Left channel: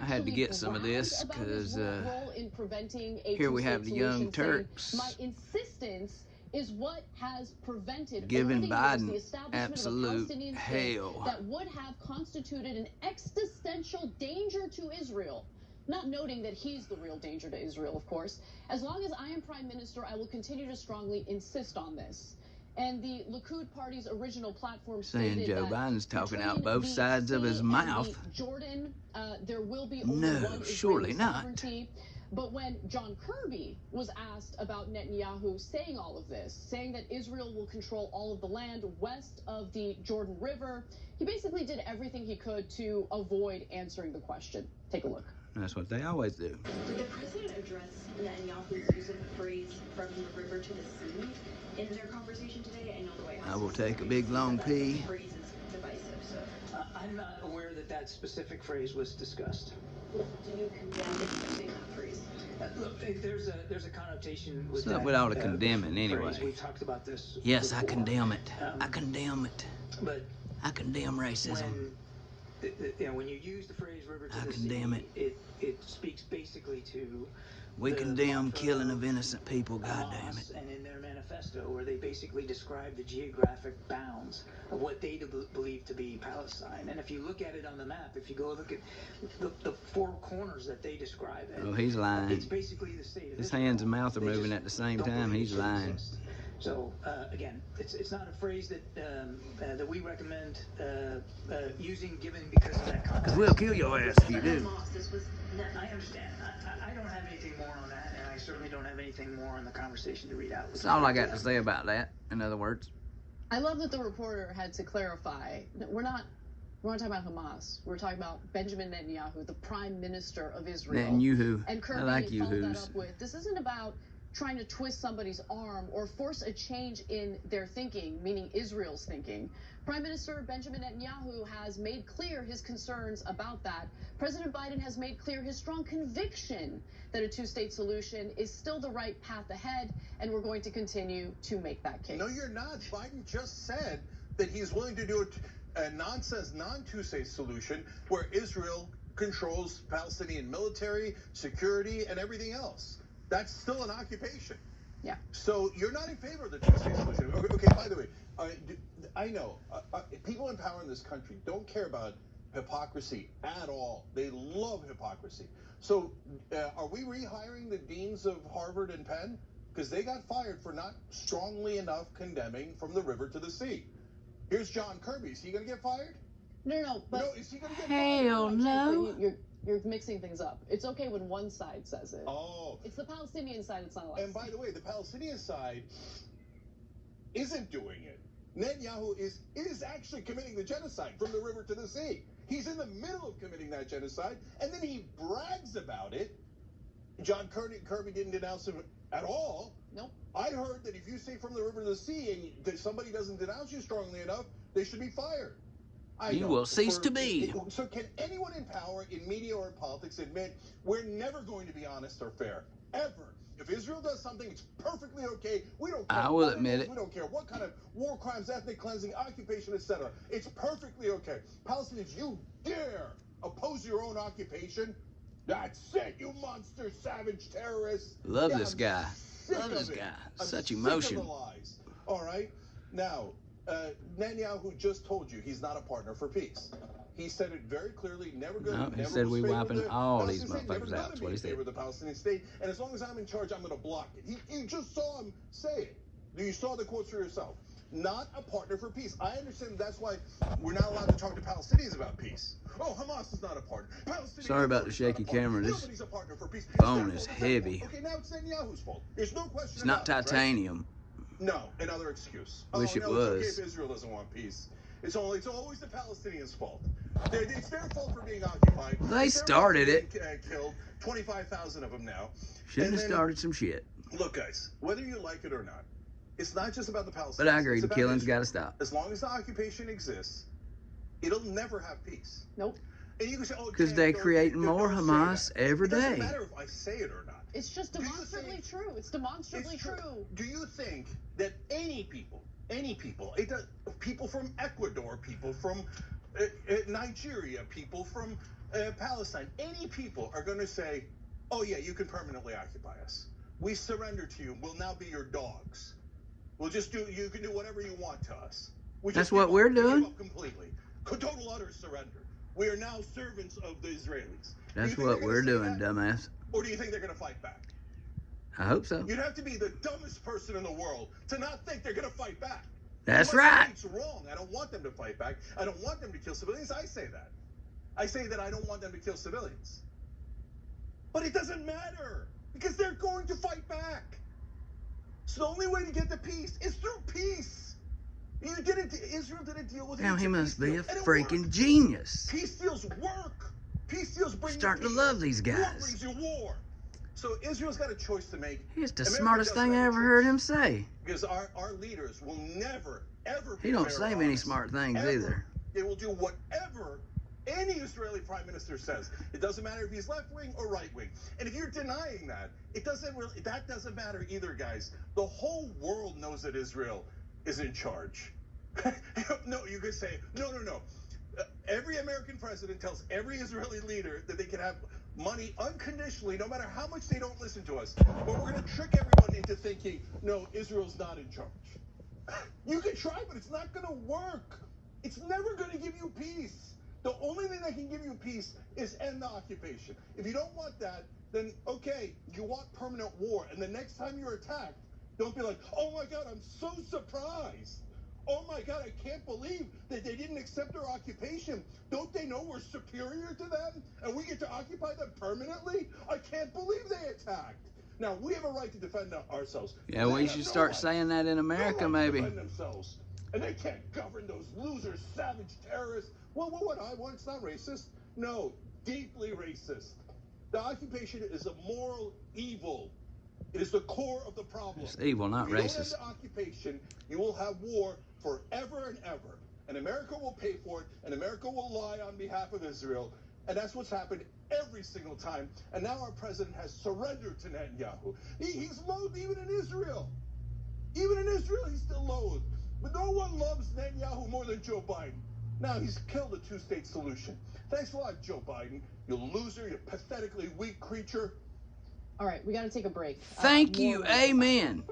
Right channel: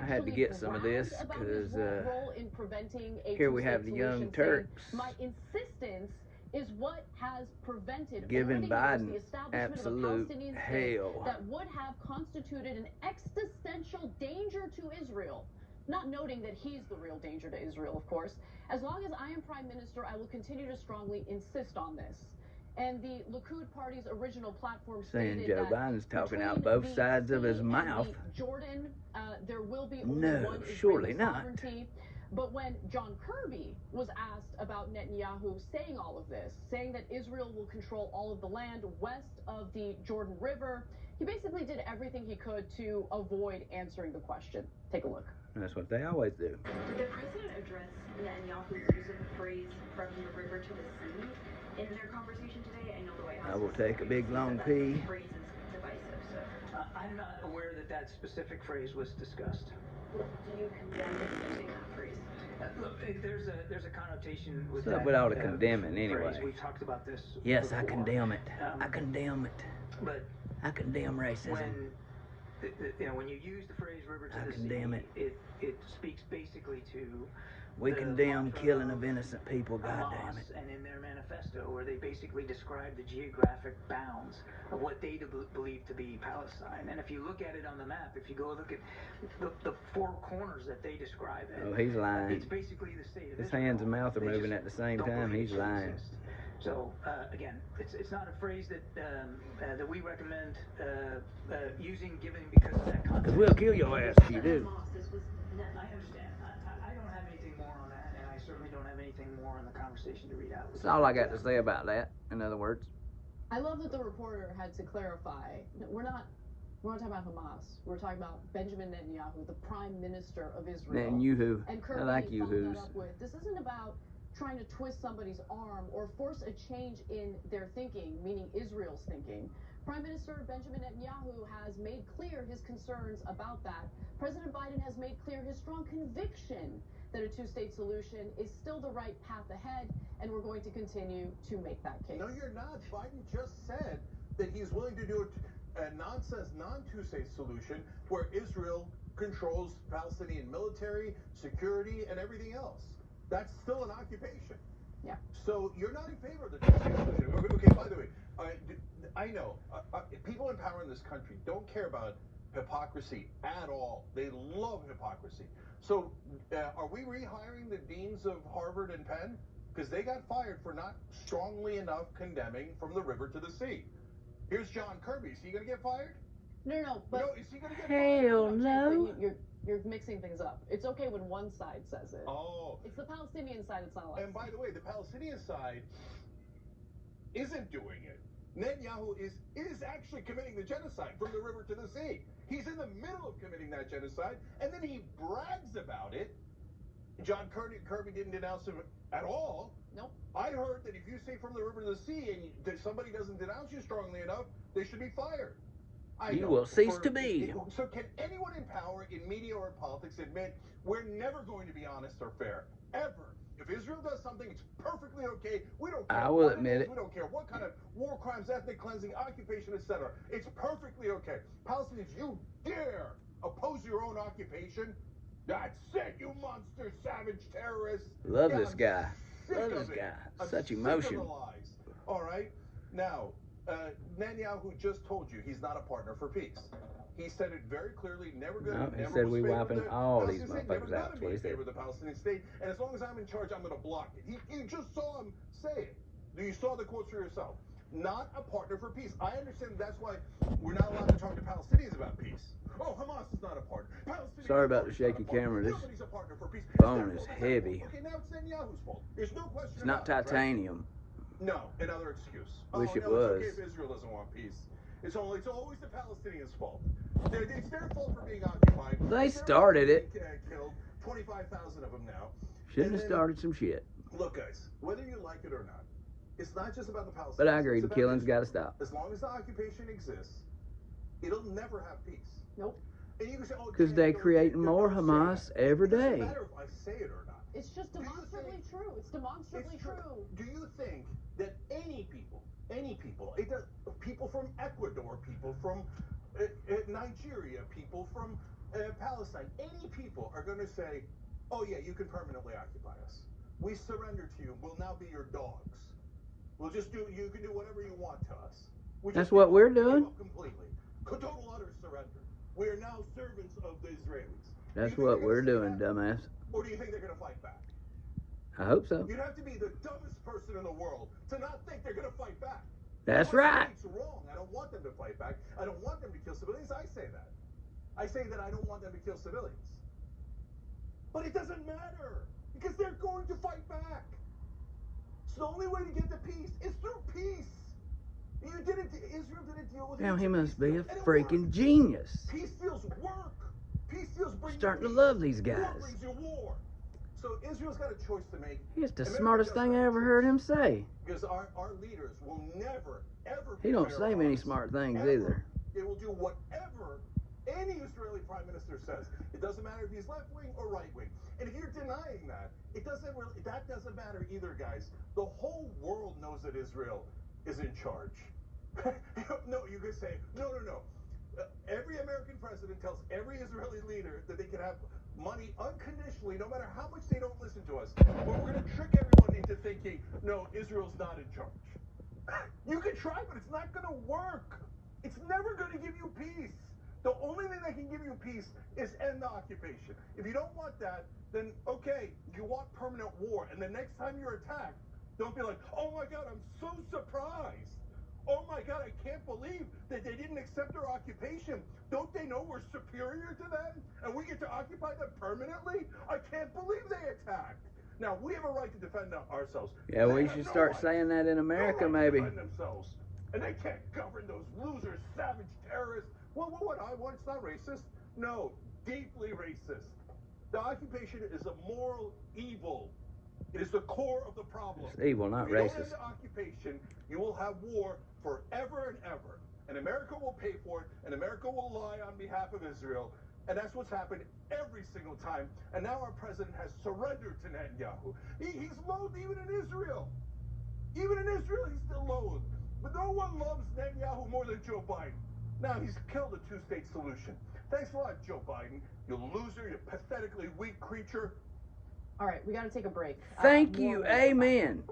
I had to get some of this because role in preventing a here we have the two-state Young solution, saying, Turks my insistence is what has prevented giving over the years the Biden establishment of a absolute Palestinian state hell. that would have constituted an existential danger to Israel. Not noting that he's the real danger to Israel, of course. As long as I am prime minister, I will continue to strongly insist on this. And the Likud party's original platform saying stated Joe that Biden's talking out both sides of his mouth. Jordan, there will be only one surely Israeli not. sovereignty. But when John Kirby was asked about Netanyahu saying all of this, saying that Israel will control all of the land west of the Jordan River, he basically did everything he could to avoid answering the question. Take a look. That's what they always do. Did the president address Netanyahu's use of the phrase from the river to the sea in their conversation today? I know the White House. I will take a big long pee. The phrase is divisive, so. I'm not aware that that specific phrase was discussed. Do you condemn using that phrase? Look, there's a connotation with What's up that. with all the condemning anyway? Phrase. We've talked about this. Yes, before. I condemn it. I condemn it. But I condemn racism. When you use the phrase "river to the condemn sea," it speaks basically to. We condemn killing of innocent people, goddamn it. And in their manifesto, where they basically describe the geographic bounds of what they believe to be Palestine. And if you look at it on the map, if you go look at the four corners that they describe it, well, he's lying. It's basically the state of His Israel. hands and mouth are moving at the same time. He's lying. So again, it's not a phrase that we recommend using, given because of that context. We'll kill your ass if you do. I understand. I don't have anything more on that, and I certainly don't have anything more on the conversation to read out. That's all I got to say about that, in other words. I love that the reporter had to clarify. We're not talking about Hamas. We're talking about Benjamin Netanyahu, the prime minister of Israel. Netanyahu. And Kirby I like followed that Yahoos. up with, this isn't about trying to twist somebody's arm or force a change in their thinking, meaning Israel's thinking. Prime Minister Benjamin Netanyahu has made clear his concerns about that. President Biden has made clear his strong conviction that a two-state solution is still the right path ahead, and we're going to continue to make that case. No, you're not. Biden just said that he's willing to do a nonsense, non-two-state solution where Israel controls Palestinian military, security, and everything else. That's still an occupation. Yeah. So you're not in favor of the two-state solution. Okay, by the way, I know people in power in this country don't care about hypocrisy at all. They love hypocrisy. So are we rehiring the deans of Harvard and Penn? Because they got fired for not strongly enough condemning from the river to the sea. Here's John Kirby. Is he going to get fired? No, but No, is he going to get fired? Hell no. You're mixing things up. It's okay when one side says it. Oh. It's the Palestinian side that's not allowed. And by the way, the Palestinian side isn't doing it. Netanyahu is actually committing the genocide from the river to the sea. He's in the middle of committing that genocide, and then he brags about it. John Kirby didn't denounce him at all. Nope. I heard that if you say from the river to the sea and that somebody doesn't denounce you strongly enough, they should be fired. You will cease to be. So can anyone in power, in media or in politics, admit we're never going to be honest or fair? Ever. If Israel does something, it's perfectly okay. We don't care. I will admit it. We don't care what kind of war crimes, ethnic cleansing, occupation, etc. It's perfectly okay. Palestinians, you dare oppose your own occupation? That's it, you monster, savage terrorists. Love this guy. Love this guy. I'm Such sick emotion. of the lies. All right. Now, Netanyahu just told you he's not a partner for peace. He said it very clearly. Never going No, to. he Never said was we favor of wiping the all these Palestinian state. Never motherfuckers going out. to be in favor of the Palestinian state. And as long as I'm in charge, I'm going to block it. You just saw him say it. You saw the quotes for yourself. Not a partner for peace. I understand that's why we're not allowed to talk to Palestinians about peace. Oh, Hamas is not a partner. Palestinians Sorry about the shaky camera. This Nobody's a partner for peace. phone is heavy. Okay, now it's Netanyahu's fault. There's no question It's not about it, right? titanium. No, another excuse. Wish it no, it's okay was. if Israel doesn't want peace. It's always the Palestinians' fault. It's their fault for being occupied. They It's their started fault for it. being killed 25,000 of them now. Shouldn't And have then- started some shit. Look, guys, whether you like it or not, it's not just about the Palestinians. But I agree, it's the about killing's Israel. got to stop. As long as the occupation exists, it'll never have peace. Nope. And you can say, oh, Because they creating more don't say Hamas that. every It doesn't day. matter if I say it or not. It's just Do you demonstrably think- true. It's demonstrably It's true. Do you think that any people, people from Ecuador, people from Nigeria, people from Palestine, any people are going to say, oh yeah, you can permanently occupy us. We surrender to you. We'll now be your dogs. We'll just do, you can do whatever you want to us. We That's just give what up. we're We give doing. up completely. Total utter surrender. We are now servants of the Israelis. Do you That's think what they're we're gonna say doing, that? dumbass. Or do you think they're going to fight back? I hope so. You'd have to be the dumbest person in the world to not think they're going to fight back. That's You must right. think it's wrong. I don't want them to fight back. I don't want them to kill civilians. I say that. I say that I don't want them to kill civilians. But it doesn't matter because they're going to fight back. So the only way to get the peace is through peace. Israel didn't deal with it. Now he must be a and it freaking worked. genius. Peace deals work. Peace deals bring you Starting to peace. love these War guys. brings you war. So Israel's got a choice to make. He's the America smartest doesn't thing I have a ever choice. heard him say. Because our leaders will never, ever be He don't fair say or many honest. smart things Ever. either. They will do whatever any Israeli prime minister says. It doesn't matter if he's left wing or right wing. And if you're denying that, that doesn't matter either, guys. The whole world knows that Israel is in charge. No, you could say, no. Every American president tells every Israeli leader that they can have money unconditionally, no matter how much they don't listen to us. But we're going to trick everyone into thinking, no, Israel's not in charge. You can try, but it's not going to work. It's never going to give you peace. The only thing that can give you peace is end the occupation. If you don't want that, then okay, you want permanent war. And the next time you're attacked, don't be like, oh my God, I'm so surprised. Oh my God, I can't believe that they didn't accept our occupation. Don't they know we're superior to them and we get to occupy them permanently? I can't believe they attacked. Now, we have a right to defend ourselves. Yeah, They we have should no start right. saying that in No America, right to maybe. defend themselves. And they can't govern those losers, savage terrorists. Well, it's not racist. No, deeply racist. The occupation is a moral evil. It is the core of the problem. It's evil, not if you don't end racist. the occupation, you will have war forever and ever. And America will pay for it, and America will lie on behalf of Israel. And that's what's happened every single time. And now our president has surrendered to Netanyahu. He's loathed even in Israel. Even in Israel, he's still loathed. But no one loves Netanyahu more than Joe Biden. Now he's killed the two-state solution. Thanks a lot, Joe Biden. You loser, you pathetically weak creature. All right, we got to take a break. Thank More you. when we come back. Amen.